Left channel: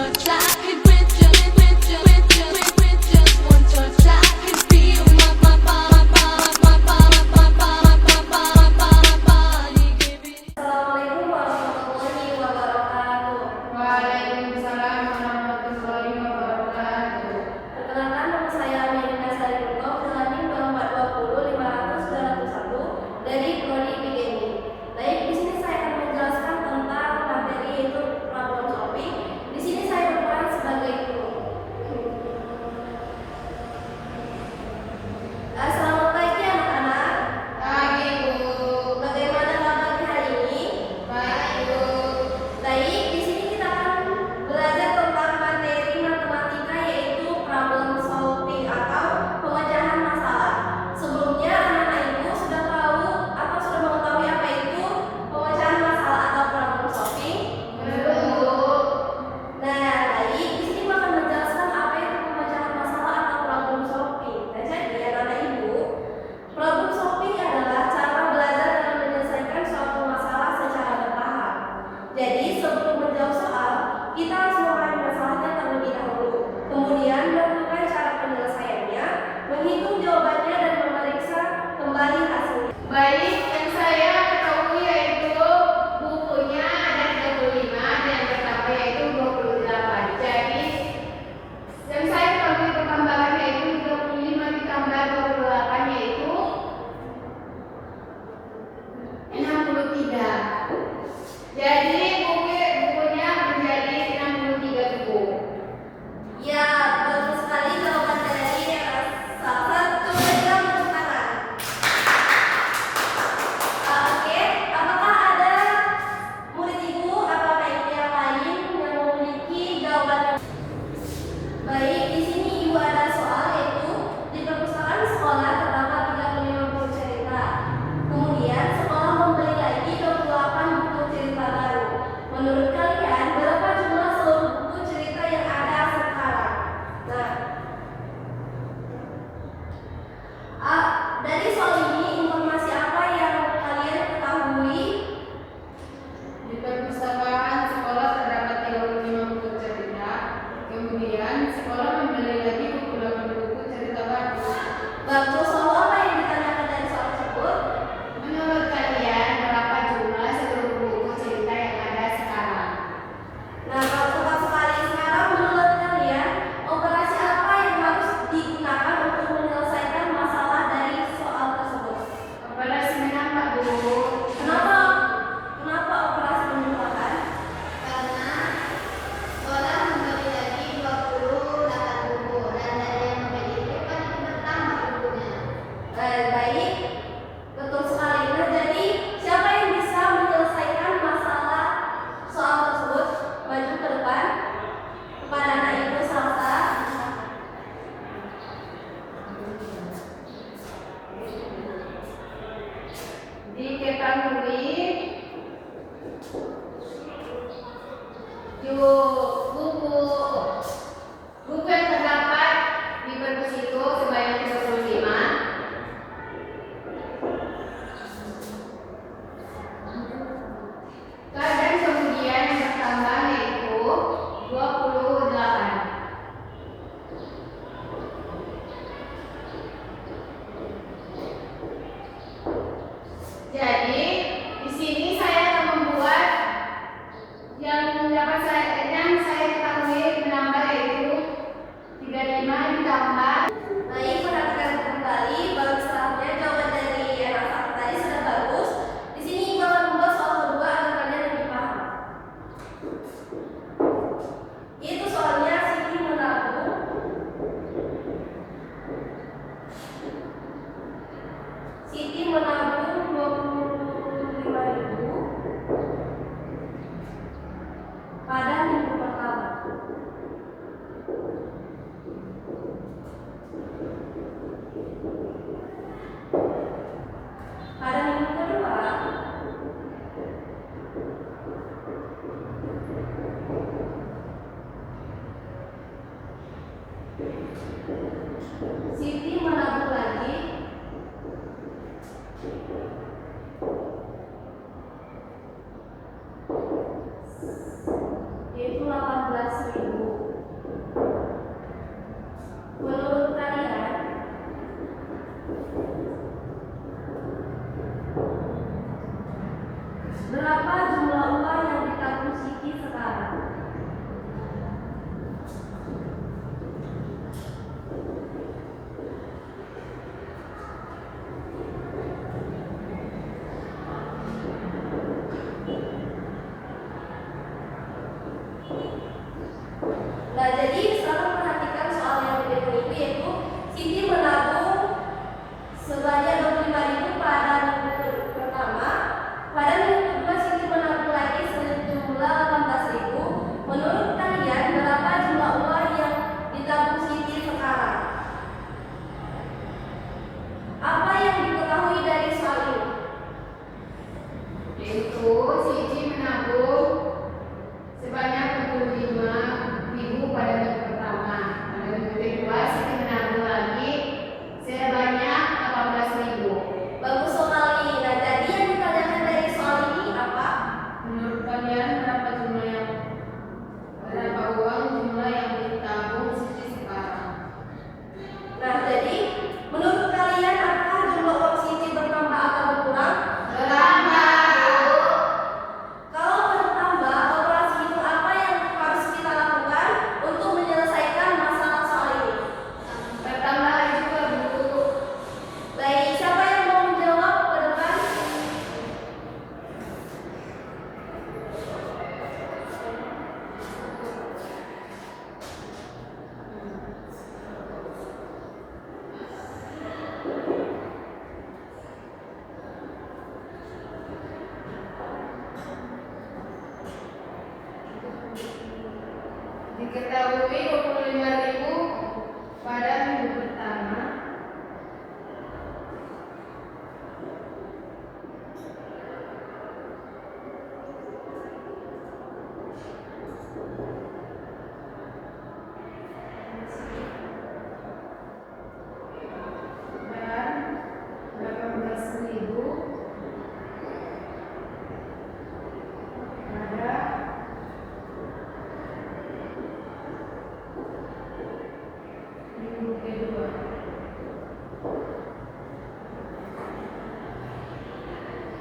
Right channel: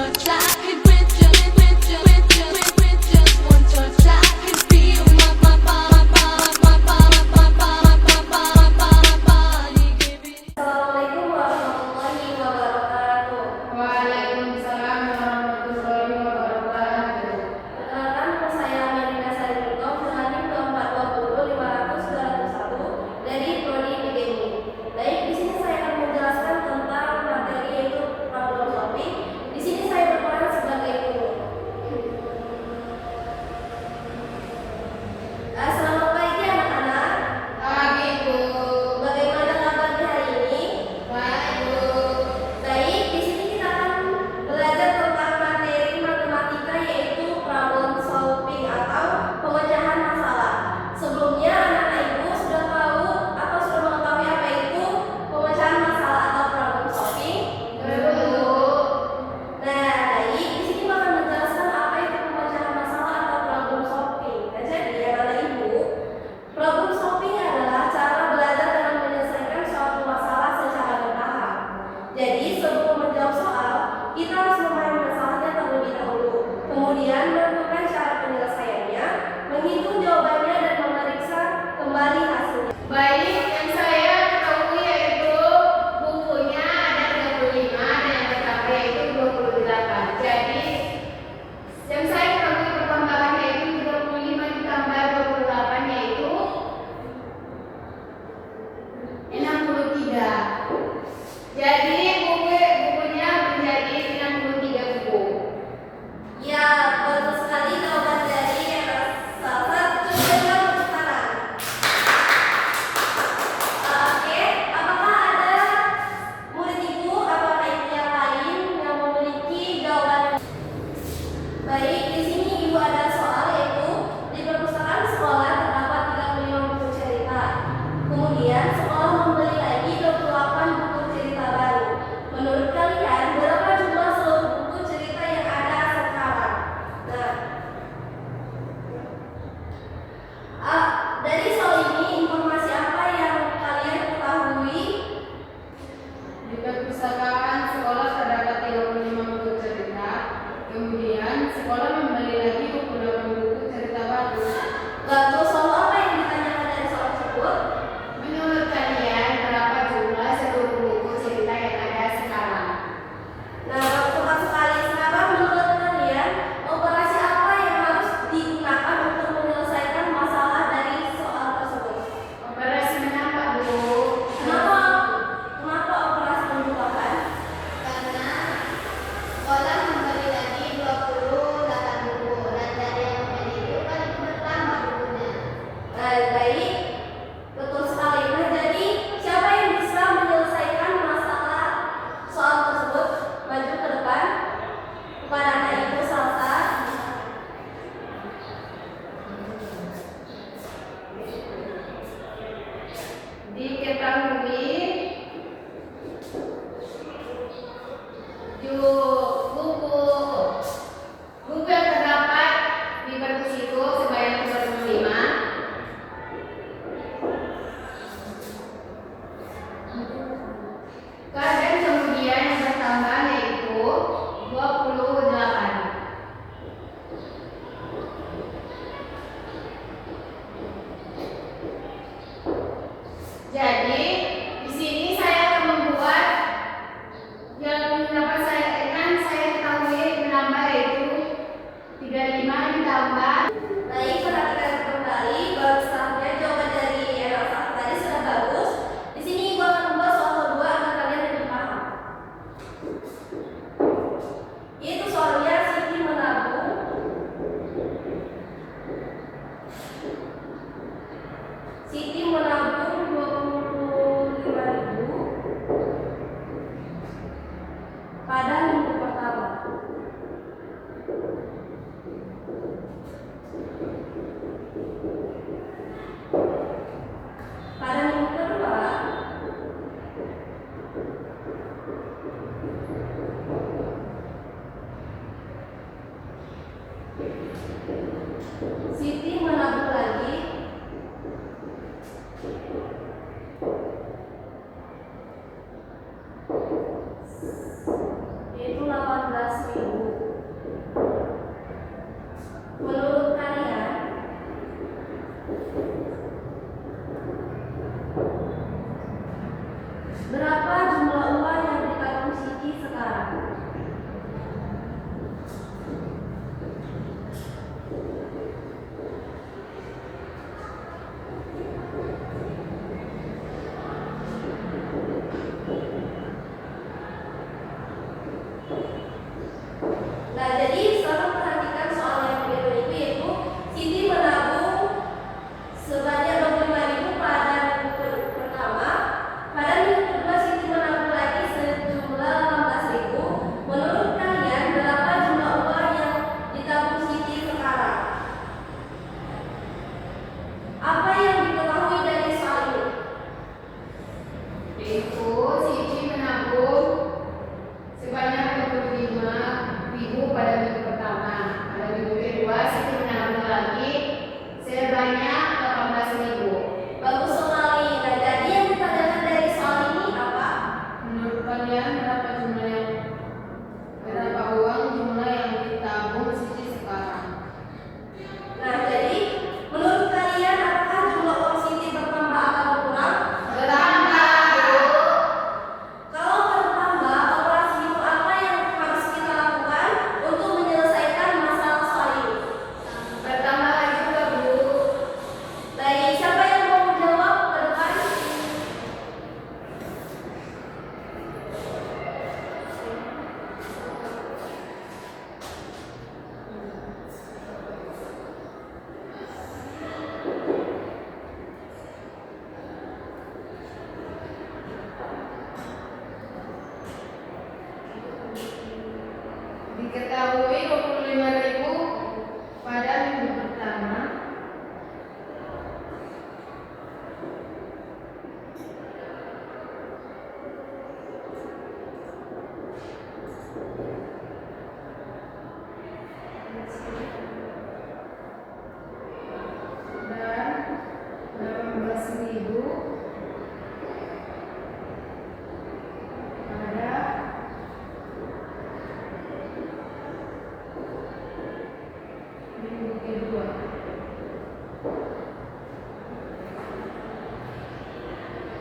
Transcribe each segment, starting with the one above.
touch, I could with just one touch, I could feel my body giving. Assalamualaikum warahmatullahi wabarakatuh. Waalaikumsalam warahmatullahi wabarakatuh. Perkenalkan, nama saya Amerika Sariputo, dengan NIM 2420500-201 dari Prodi PGMI. Baik, di sini saya akan menjelaskan tentang materi yaitu problem solving. Di sini saya berperan sebagai guru. Selamat pagi anak-anak. Pagi, Bu. Bagaimana kabarnya hari ini? Baik, Bu. Baik, di sini kita akan belajar tentang materi matematika yaitu problem solving atau pemecahan masalah. Sebelumnya anak-anak ibu sudah tahu atau sudah mengetahui apa itu pemecahan masalah atau problem solving? Betul. Nah, baik, di sini akan menjelaskan apa itu pemecahan masalah atau problem solving. Nah, jadi anak-anak ibu, problem solving adalah cara belajar dalam menyelesaikan suatu masalah secara bertahap. Jadi sebelum menjawab soal, kita harus memahami masalahnya terlebih dahulu. Kemudian menentukan cara penyelesaiannya, menghitung jawabannya dan memeriksa kembali hasilnya. Baik, yang saya ketahui yaitu bukunya ada 35 dan yang tercapai yaitu 28. Jadi yang saya ketahui pertambahannya yaitu 35 ditambah 28 yaitu 63. Jadi bukunya menjadi 63 buku. Ya, betul sekali jawaban dari salah satu pemegang tepuk tangan. Oke, apakah ada murid ibu atau anak ibu yang lain yang memiliki jawaban yang baik? Di sini ibu ada soal yaitu di perpustakaan sekolah terdapat 35 buku cerita. Kemudian sekolah membeli lagi 28 buku cerita baru. Menurut kalian berapa jumlah seluruh buku cerita yang ada sekarang? Nah, dari soal ini informasi apa yang kalian ketahui? Di perpustakaan sekolah terdapat 35 buku cerita. Kemudian sekolah membeli lagi 28 buku cerita baru. Lalu soal apa yang ditanyakan dari soal tersebut? Menurut kalian berapa jumlah seluruh buku cerita yang ada sekarang? Nah, kalau tepat sekali sekarang menurut kalian operasi apa yang harus digunakan untuk menyelesaikan masalah dari soal tersebut? Operasi menambah, Bu. Kenapa operasi menambahkan? Karena sekolah memberi lagi 28 buku dan dari yang memiliki kan bertambah bukunya. Baik, betul sekali. Nah, jadi siapa yang bisa menyelesaikan masalah soal tersebut? Maju ke depan kepada anak ibu Salsa. Diketahui buku yang terdapat di perpus itu sebanyak 35. Dan kemudian yang bertambah yaitu 28. Jadi di sini saya akan membuat yang saya ketahui menambah yaitu 35 ditambah. Baik, perhatikan kembali baru setelahnya jawaban dari anak Salsa tadi sudah bagus. Di sini ibu akan membuat soal kedua agar kalian lebih paham. Itu soalnya Siti menabung Siti menabung 25.000 pada minggu pertama. Pada minggu kedua, Siti menabung lagi 18.000. Nah, jadi sekarang perhatikan soal yang berikut ini, yaitu Siti menabung sebanyak 25.000 pada minggu pertama. Pada minggu kedua Siti menabung lagi sejumlah 18.000. Menurut kalian berapa jumlah uang yang ditabung Siti sekarang? Apa yang diketahui dari soal ini? Yaitu Siti menabung sebanyak 25.000 pada minggu pertama. Pada minggu kedua Siti menabung lagi sebanyak 18.000. Bagus sekali. Nah, jadi yang ditanyakan dari soal ini apa? Menurut kalian berapa uang jumlah yang ditabung Siti sekarang? Nah, jadi menurut kalian apakah jumlah uang Siti bertambah atau berkurang? Bertambah. Kalau bertambah, operasi itu apa yang harus kita lakukan untuk menyelesaikan masalah soal ini? Bertambah juga, Bu. Baik, siapa yang mau menjawab ke depan? Diketahui 25.000 pada minggu pertama. Dan 18.000 pada minggu kedua.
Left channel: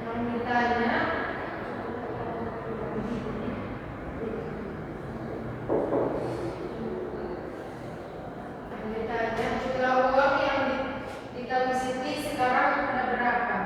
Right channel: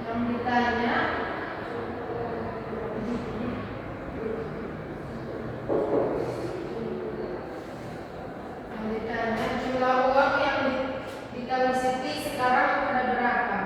Yang ditanya jumlah uang yang ditabung Siti sekarang ada berapa?